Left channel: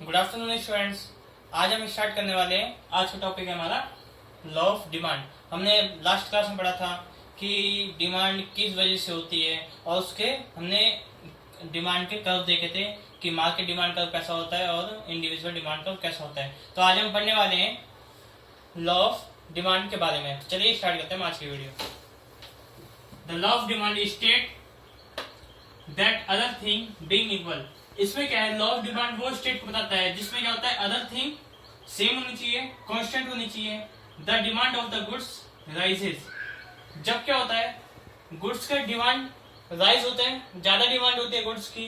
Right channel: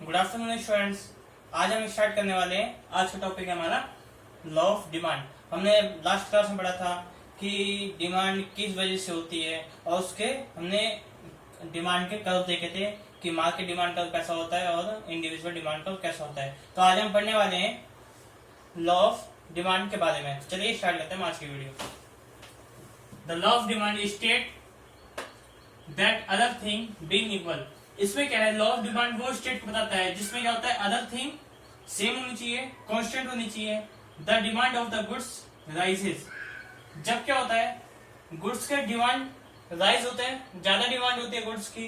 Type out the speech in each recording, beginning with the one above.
Good afternoon students. आज हम start करने वाले हैं। आज का टॉपिक है हमारा लॉ ऑफ डिमांड। हमने लास्ट क्लास में पढ़ा था कि डिमांड किस वजह से होती है और उसके हमने डिमांड के कर्व देखे थे कि मार्केट डिमांड कर्व कैसा होता है और इंडिविजुअल डिमांड कर्व कैसा होता है। तो आज हम पढ़ने वाले हैं लॉ ऑफ डिमांड के बारे में। तो चलिए स्टार्ट करते हैं आज की video. The law of demand state that other thing being equal. इसमें क्या है, लॉ ऑफ डिमांड वो स्टेट को बताता है जिसमें क्या होता है, अदर थिंग सेम होनी चाहिए, कांस्टेंट होनी चाहिए, the demand of the goods rises. जब क्या होता है, गुड्स का डिमांड राइज होते हैं, ज्यादा डिमांड होती है गुड्स की,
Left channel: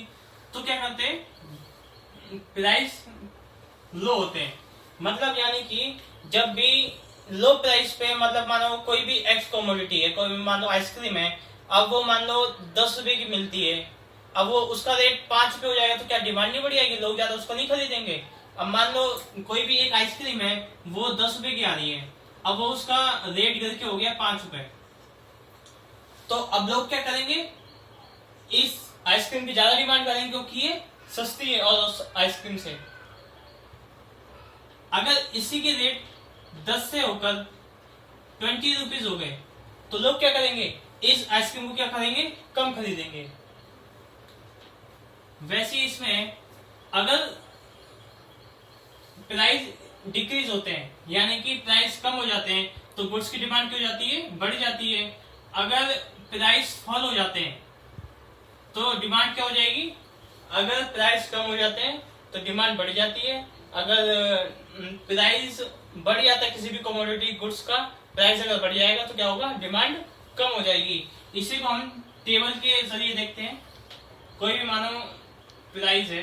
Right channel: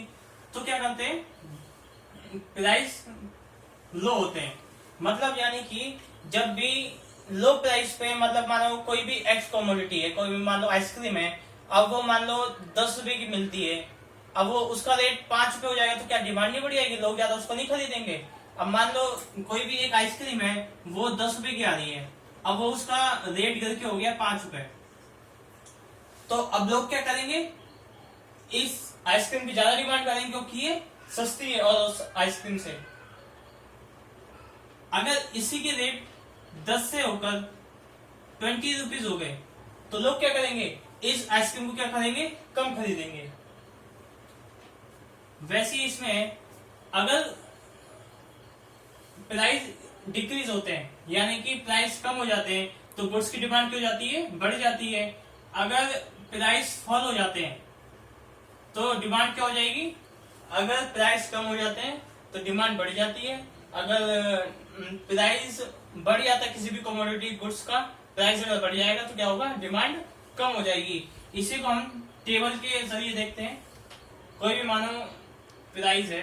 तो क्या करते हैं, प्राइस लो होते हैं। मतलब यानी कि जब भी लो प्राइस पे, मतलब मानो कोई भी एक्स कमोडिटी है, कोई भी मान लो आइसक्रीम है, अब वो मान लो 10 रुपए की मिलती है, अब वो उसका रेट 5 रुपए हो जाएगा तो क्या डिमांड नहीं बढ़ जाएगी, लोग ज्यादा उसको नहीं खरीदेंगे। अब मान लो कोई भी एक आइसक्रीम है, वो 10 रुपए की आ रही है, अब वो उसका रेट गिर के हो गया 5 रुपए, तो अब लोग क्या करेंगे, इस आइसक्रीम की ज्यादा डिमांड करेंगे क्योंकि ये सस्ती है और उस आइसक्रीम से। अगर इसी के रेट 10 से होकर 20 रुपीज हो गए तो लोग क्या करेंगे, इस आइसक्रीम को क्या करेंगे, कम खरीदेंगे। वैसे इसमें अगर प्राइस डिक्रीज होते हैं, यानी कि प्राइस कम हो जाते हैं, तो गुड्स की डिमांड क्यों जाती है, बढ़ जाती है। अगर प्राइस फॉल हो जाते हैं तो डिमांड क्या हो जाएगी, अगर प्राइस कम हो जाते हैं तो डिमांड बढ़ जाती है। अगर प्राइस बढ़ जाता है किसी भी कमोडिटी गुड्स का, प्राइस अगर बढ़ जाएगा तो क्या होगा, डिमांड कम हो जाएगी। इसी को हम टेबल के जरिए देखते हैं। कोई भी मानो प्राइस है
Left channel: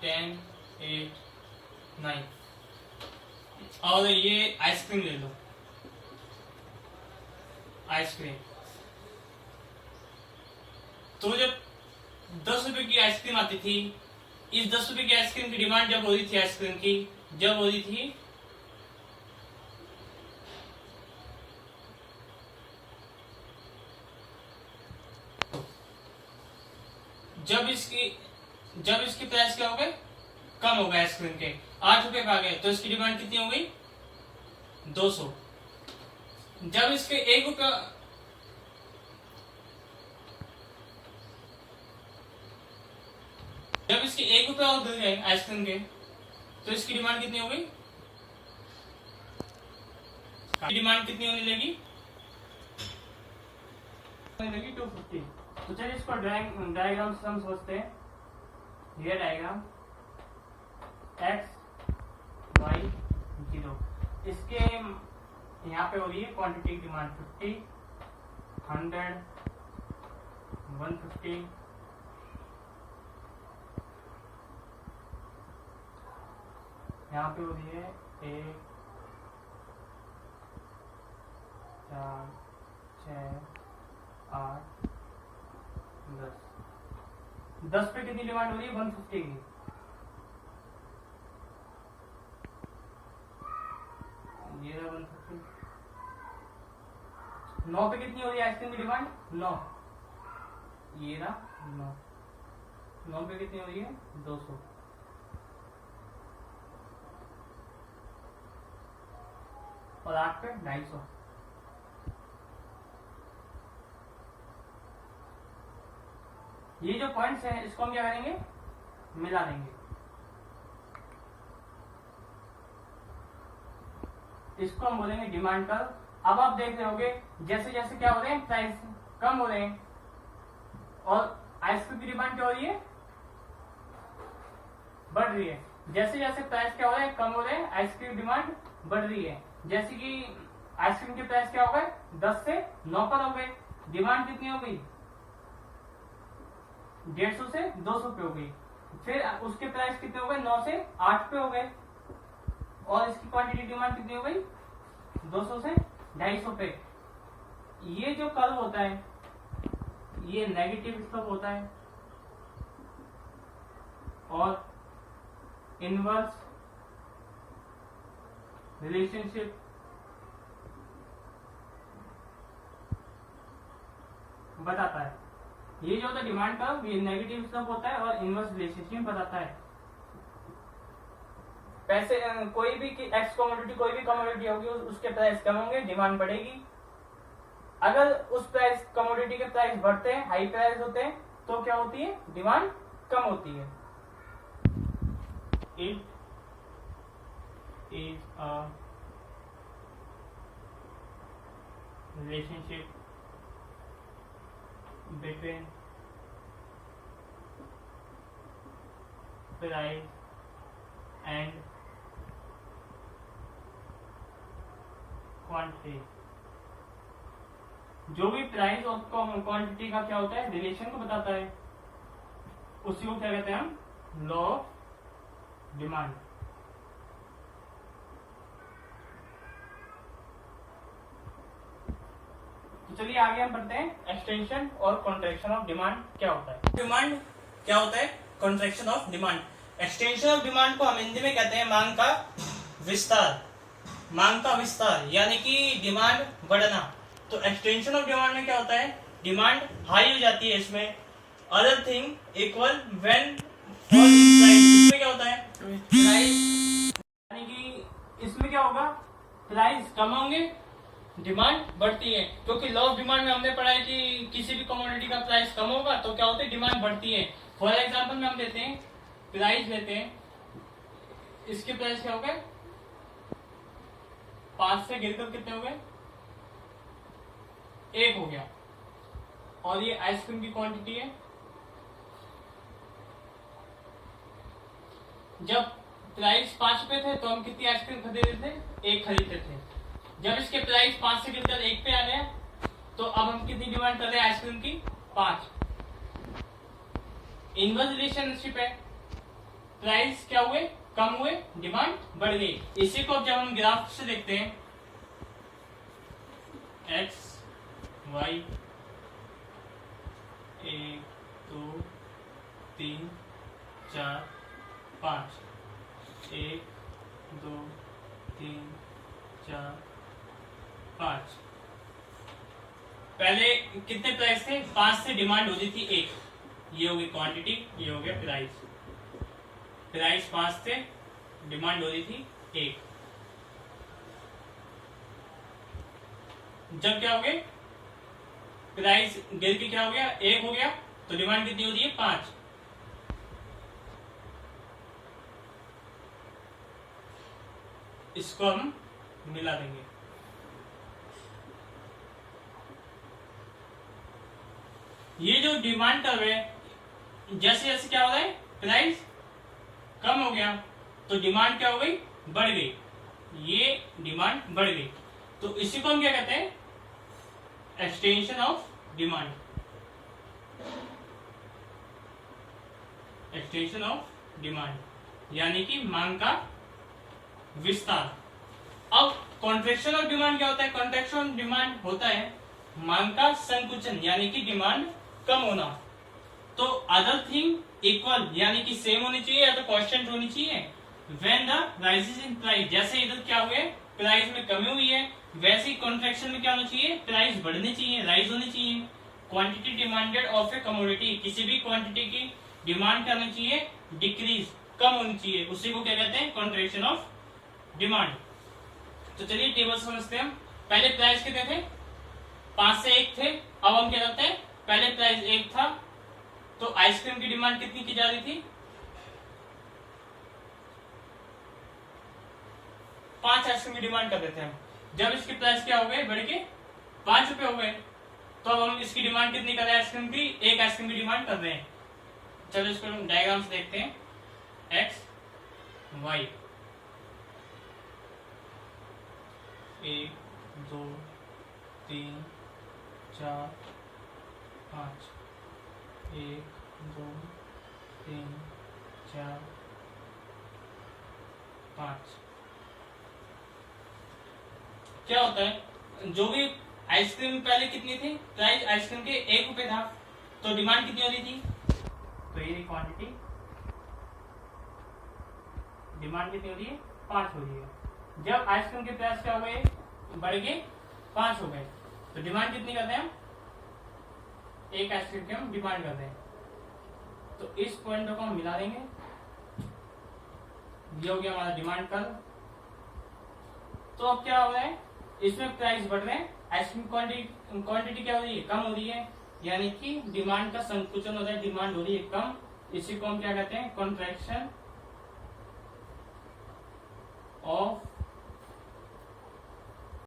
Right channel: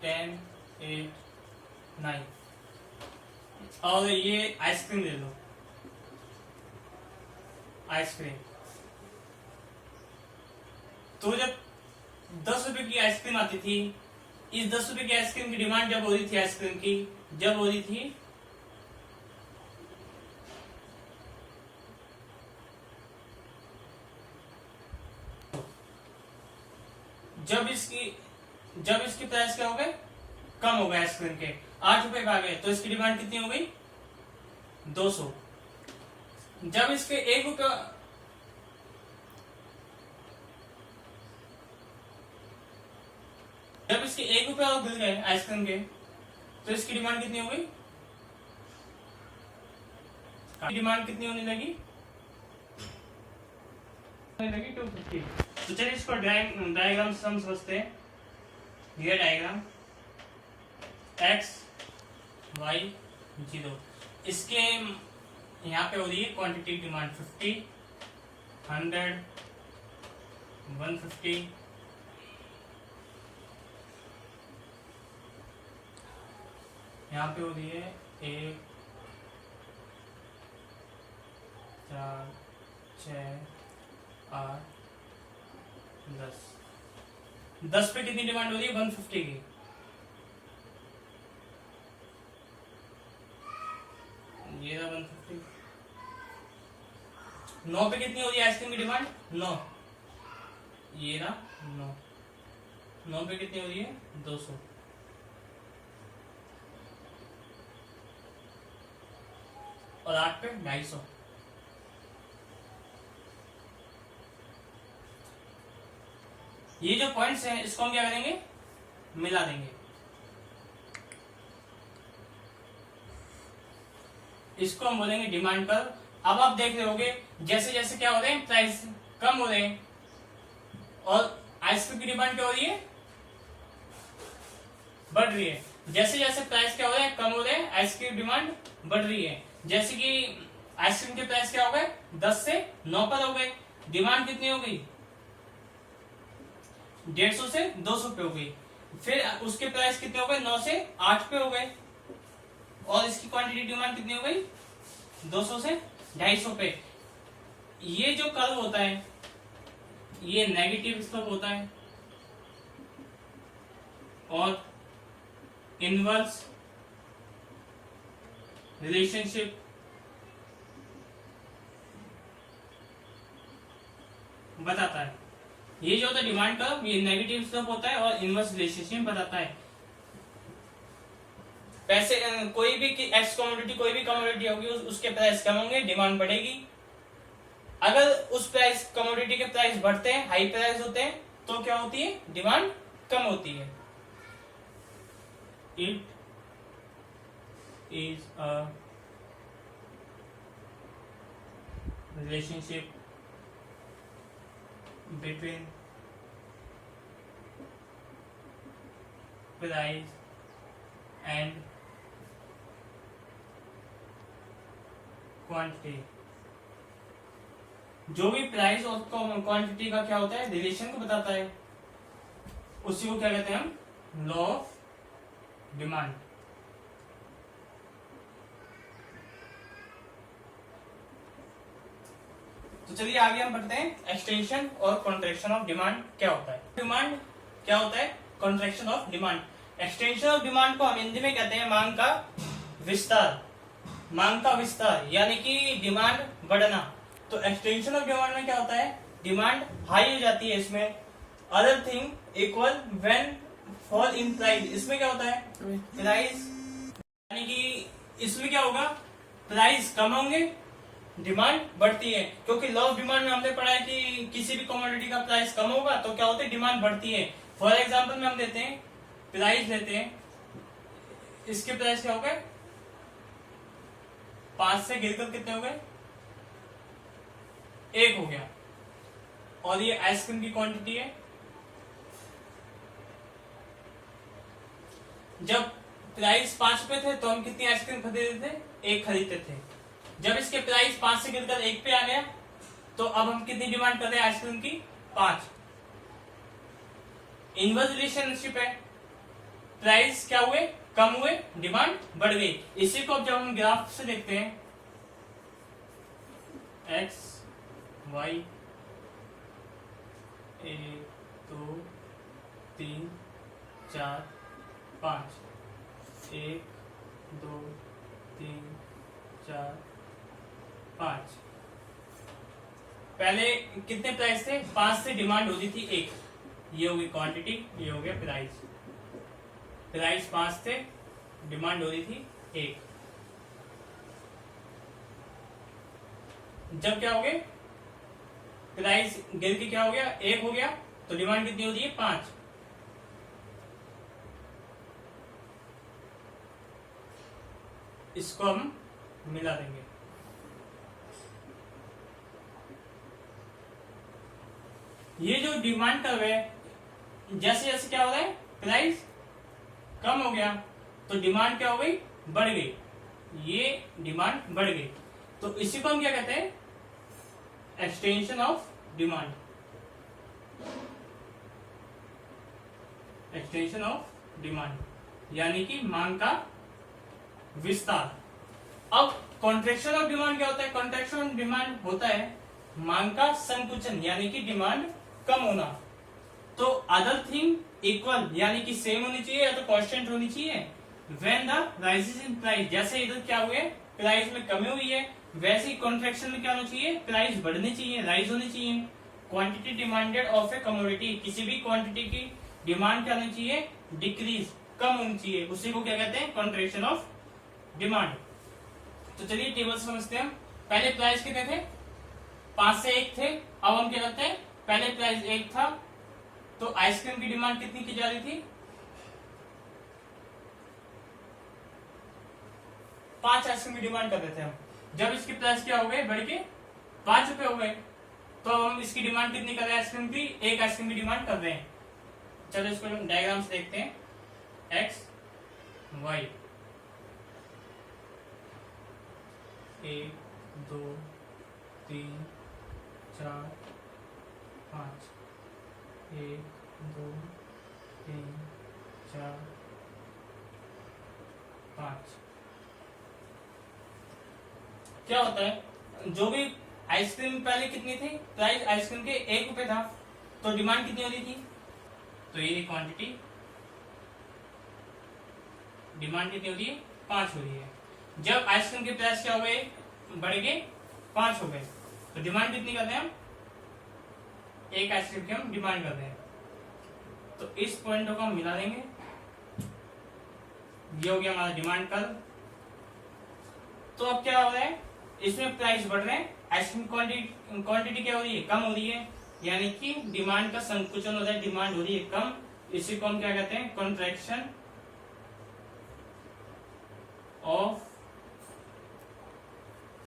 10, 8, 9 और ये आइसक्रीम ले लो, आइसक्रीम। तो जब 10 रुपए की आइसक्रीम आती थी, इस 10 रुपए की आइसक्रीम की डिमांड जब हो रही थी, आइसक्रीम की जब हो रही थी जब इसकी प्राइस क्या हो गए, कम हो गए, आइसक्रीम के 8 रुपए आ गए, तो इसकी डिमांड कितनी हो गई, 200। जब इसके 1 रुपया, जब इसके 1 रुपया और गिर गए आइसक्रीम के, तो इसकी डिमांड कितनी हो गई, डिमांड कितनी होने लगी, 250। तो चलिए इसको डायग्राम से हम समझते हैं। ये डायग्राम x y 0, इसके यहाँ पे हो रही है क्वांटिटी डिमांड 50, 100, 150, यहाँ पे हो रही है 1, 4, 6, 8, 10 पे कितनी डिमांड हो रही है, 150 की। ये रहा 150। 9 पे कितनी हो रही है आइसक्रीम की डिमांड, 9, ये रहा 9 पे कितनी हो रही है, 200। और 8 पे 250। ये जो पॉइंट्स हैं इसको हम क्या करेंगे, मिला देंगे। इसको हम बोलेंगे डिमांड कर्व। अब आप देख रहे होगे जैसे जैसे क्या हो रहे हैं, प्राइस कम हो रहे हैं और आइसक्रीम की डिमांड क्या हो रही है, बढ़ रही है। जैसे जैसे प्राइस क्या हो रहा है, कम हो रहे हैं, आइसक्रीम की डिमांड बढ़ रही है। जैसे कि आइसक्रीम के प्राइस क्या हो गए, 10 से 9 पर हो गए, डिमांड कितनी हो गई, 150 से 200 पे हो गई। फिर उसके प्राइस कितने हो गए, 9 से 8 पे हो गए, और इसकी क्वांटिटी डिमांड कितनी हो गई, 200 से 250 पे। ये जो कर्व होता है ये नेगेटिव स्लोप होता है और इनवर्स रिलेशनशिप बताता है। ये जो होता है डिमांड कर्व, ये नेगेटिव स्लोप होता है और इनवर्स रिलेशनशिप बताता है। पैसे कोई भी एक्स कमोडिटी, कोई भी कमोडिटी होगी उसके प्राइस कम होंगे, डिमांड बढ़ेगी। अगर उस प्राइस कमोडिटी के प्राइस बढ़ते हैं, हाई प्राइस होते हैं, तो क्या होती है, डिमांड कम होती है। It is a relationship between price and quantity. जो भी प्राइस और क्वांटिटी का क्या होता है, रिलेशन को बताता है, उसी को क्या कहते हैं हम, लॉ ऑफ डिमांड। तो चलिए आगे हम बढ़ते हैं, एक्सटेंशन और कॉन्ट्रैक्शन ऑफ डिमांड क्या होता है। डिमांड क्या होता है, contraction of demand. Extension of demand को हम हिंदी में कहते हैं मांग का विस्तार। मांग का विस्तार यानी कि डिमांड बढ़ना। तो एक्सटेंशन ऑफ डिमांड में क्या होता है, डिमांड हाई हो जाती है, इसमें other thing equal when fall in price. इसमें क्या होता है, प्राइस यानी कि इसमें क्या होगा, प्राइस कम होंगे, डिमांड बढ़ती है। क्योंकि लॉ ऑफ डिमांड में हमने पढ़ा है कि किसी भी कमोडिटी का प्राइस कम होगा तो क्या होता है, डिमांड बढ़ती है। फॉर एग्जांपल में हम देते हैं, प्राइस लेते हैं, इसके प्राइस क्या हो गए, 5 से गिरकर कितने हो गए, 1 हो गया। और ये आइसक्रीम की क्वांटिटी है। जब प्राइस 5 रुपए थे तो हम कितनी आइसक्रीम खरीदते थे, 1 खरीदते थे। जब इसके प्राइस 5 से गिरकर 1 पे आ गया तो अब हम कितनी डिमांड कर रहे हैं आइसक्रीम की, 5। इनवर्स रिलेशनशिप है, प्राइस क्या हुए, कम हुए, डिमांड बढ़ गई। इसी को अब जब हम ग्राफ से देखते हैं, एक्स वाई 1 2 3 4 5, 1 2 3 4 5। पहले कितने प्राइस थे, 5 से डिमांड होती थी 1, ये होगी क्वांटिटी, ये हो गया प्राइस। प्राइस 5 थे, डिमांड हो रही थी 1। जब क्या हो गया, प्राइस गिर के क्या हो गया, 1 हो गया, तो डिमांड कितनी हो रही है, 5। इसको हम मिला देंगे। ये जो डिमांड कर्व है, जैसे जैसे क्या हो रहा है, प्राइस कम हो गया तो डिमांड क्या हो गई, बढ़ गई। ये डिमांड बढ़ गई, तो इसी को हम क्या कहते हैं, extension of demand. Extension of demand यानी कि मांग का विस्तार। अब कॉन्ट्रैक्शन ऑफ डिमांड क्या होता है, कॉन्ट्रैक्शन ऑफ डिमांड होता है मांग का संकुचन यानी कि डिमांड कम होना। तो अदर थिंग इक्वल यानी कि सेम होनी चाहिए या तो कांस्टेंट होनी चाहिए। When the rises in price, जैसे इधर क्या हुए, प्राइस में कमी हुई है, वैसे ही कॉन्ट्रैक्शन में क्या होना चाहिए, प्राइस बढ़नी चाहिए, राइज होनी चाहिए। Quantity demanded of A commodity, किसी भी क्वांटिटी की डिमांड क्या होनी चाहिए, डिक्रीज, कम होनी चाहिए, उसी को क्या कहते हैं, कॉन्ट्रैक्शन ऑफ डिमांड। तो चलिए टेबल समझते हैं हम। पहले प्राइस कितने थे, 5 से 1 थे। अब हम क्या करते हैं, पहले प्राइस 1 था तो आइसक्रीम की डिमांड कितनी की जा रही थी, 5 आइसक्रीम की डिमांड कर रहे थे हम। जब इसकी प्राइस क्या हो गए, बढ़ के 5 रुपए हो गए, तो अब हम इसकी डिमांड कितनी कर रहे हैं, आइसक्रीम की 1 आइसक्रीम की डिमांड कर रहे हैं। चलो इसको हम डायग्राम से देखते हैं, एक्स वाई 1 2 3 4 5, 1 2 3 4 5। क्या होता है, जो भी आइसक्रीम पहले कितनी थी, प्राइस आइसक्रीम के 1 रुपए था, तो डिमांड कितनी हो रही थी, तो ये क्वांटिटी, डिमांड कितनी हो रही है, 5 हो रही है। जब आइसक्रीम के प्राइस क्या हो गए, बढ़ गए, 5 हो गए, तो डिमांड कितनी करते हैं हम, एक आइसक्रीम की हम डिमांड कर रहे हैं, तो इस पॉइंटों को हम मिला देंगे। ये हो गया हमारा डिमांड कर्व। तो अब क्या हो रहा है, इसमें प्राइस बढ़ रहे हैं, आइसक्रीम क्वांटिटी क्या हो रही है, कम हो रही है, यानी कि डिमांड का संकुचन हो रहा है, डिमांड हो रही है कम। इसी को हम क्या कहते हैं, कॉन्ट्रैक्शन ऑफ